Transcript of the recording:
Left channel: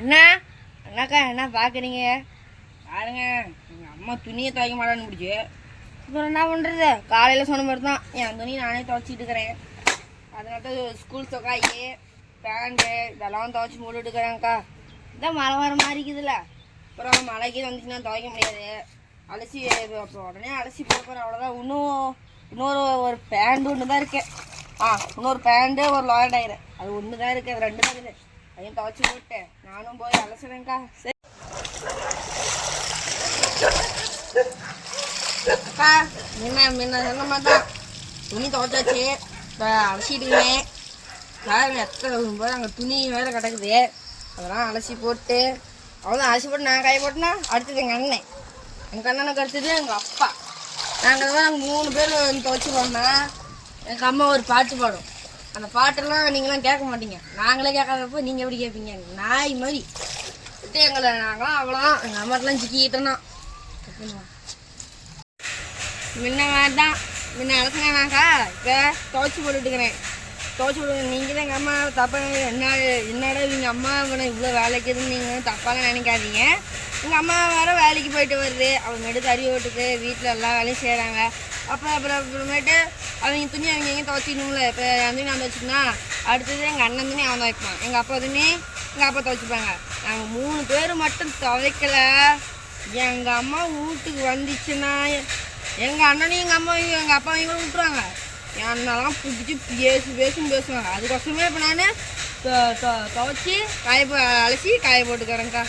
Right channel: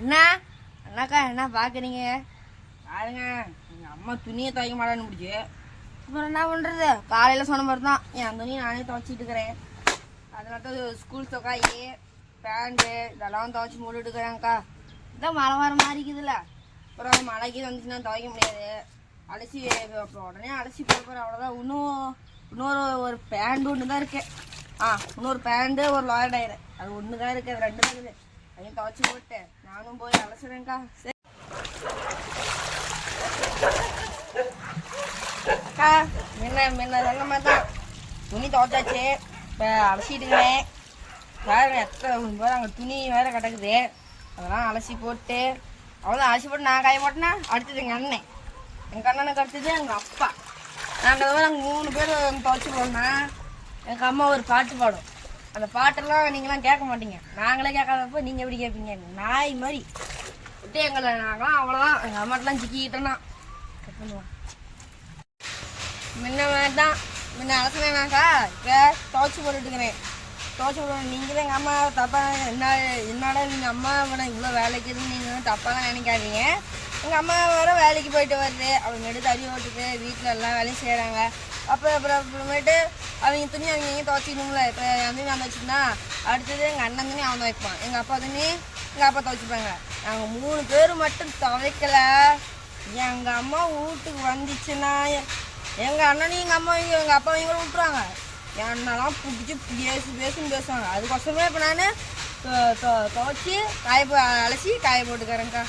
என்ன அண்ணாக்கா என்ன பார்க்குறீங்க? பாருங்க எங்கள் அம்மா துணியை துவைக்க மாட்டான்னு பிடிச்சி. அப்புறம் என்ன பண்ணுறது? காலையில் சொன்ன மாதிரி தான் என் துணியை நானே துவைச்சிட்டு இருக்கிறேன். அதனால ஸ்கூல் சொக்காயி பேண்ட்டு இதெல்லாம் துவைச்சி போட்டுட்டுக்கிறேன்க்கா. இதான் மழை வர மாதிரி இருக்குதுல்ல. அப்புறம் மழைக்கு வந்துச்சுன்னா துவைக்க முடியாது. அலசி அப்புறம் உடனே அலசி போடுறேன். அவ்வளோதான். இன்னொரு பேண்ட் ஒன்று தான் இருக்கு. இன்னொரு பேண்ட்டு ஒரு லாயர் டயரு அது ஒன்று தான் இருக்குது. அது 2 தான் இருக்குது. அதையும் துவைச்சி போட்டு நானும் போய் அலசுறேன்க்கா. சரி அக்கா, முன்ன சொன்ன மாதிரி தான் துணி துவைச்சாச்சு. இப்போ அலசிட்டுக்கிறேன். வேறு எத்தனை அங்கே துணி வேறு கிடக்குது. அதெல்லாம் அலசி போட்டு அவ்வளோதான். அலசி போட்டு நான் காய போட்டேன்னா அடுத்தது எங்கள் அண்ணனுக்கு அடுத்தது எங்கள் அப்பா. நாங்கள் 3 பேர் துவைச்சிப்போம்னா எங்கள் அம்மா ஒரு பாட்டு பாடும். அந்த பாட்டெல்லாம் நீங்களாம் கேட்க மாட்டீங்க. நாங்களே கேட்காதப்போ நீங்கள் எப்படி கேட்பீங்க? நாய் மாதிரி விட்டு எங்களை நாங்களாம் அவ்வளோதான். எங்கள் அம்மாட்டெலாம் சிக்கிக்கிட்டோன்னா முன்ன மாதிரி தான். முன்ன அலசினாக்கா இப்போ துவைச்சி போட்டுட்டுக்கிறேன். துவைச்சி போட்டு நீங்கள் தான் எங்கள் அம்மா தப்பாக என்னடா எங்கள் அம்மா இவ்வளோ வேலைக்கு எதுவும் நீங்கள் தப்பாலாம் நினைக்காதீங்க. எங்கள் அம்மா வேறு வேலைக்கு போயிட்டு வருது. அவங்க எடுத்து தறி ஓட்டுக்கு வீட்டில் எல்லா வேலையும் செய்கிறாங்க. அப்புறமேட்டு அவங்க துணி அவங்க எங்கேயும் துவைச்சிக்கணும்ல. இப்போ என் துணி நான் துவைச்சிக்கனா அடுத்தது எங்கள் அண்ணன் துணி அவன் துவைப்பான். எங்கள் அப்பா துணி எங்கள் அப்பா துவைச்சிப்பாங்க. நாங்கள் 3 பேர் மட்டும் துவைக்கல. எங்கள் அம்மா வீட்டுக்கு வந்துச்சுன்னா எங்கள் அண்ணனையும் எங்கள் அம்மாவையும் எங்கள் அப்பாவையும் கூட விட்டுருவாங்க. என்னெல்லாம் பிடிச்சி பேசுவாங்க. அதுக்கோசமே இப்போ நான் துவைச்சி அலசி காய போட்டுக்கிறேன்க்கா.